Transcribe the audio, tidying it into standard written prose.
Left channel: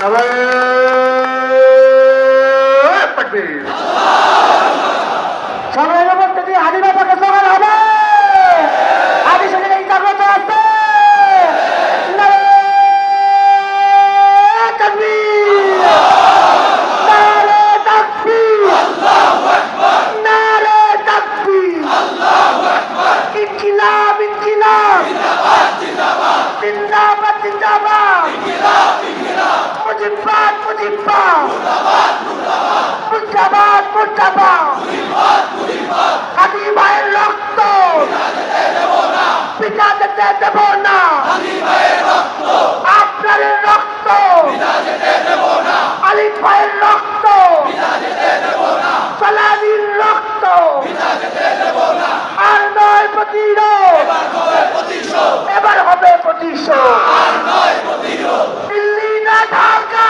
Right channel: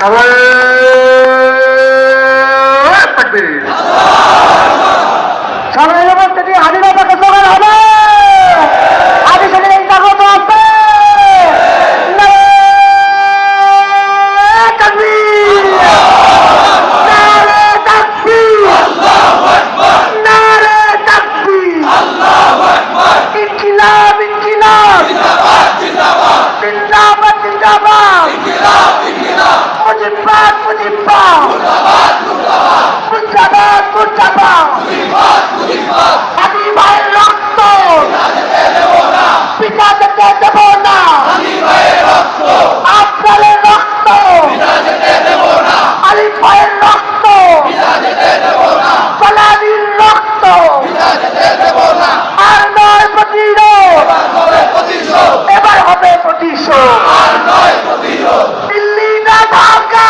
সবাই মধ্যে দিয়ে হাজিরা তাকে স্লোগান হবে। আগে সেখানে এই জাগ্রত আছে। আমি ভাইয়ের রক্ত পিতা যেতে দেব না, আপনাদের রক্ত আলী ভাইয়ের রক্ত ফলানির রক্ত আর নয় প্রতিরোধ, এবার হবে প্রতিশোধ। দিল্লি না ঢাকা,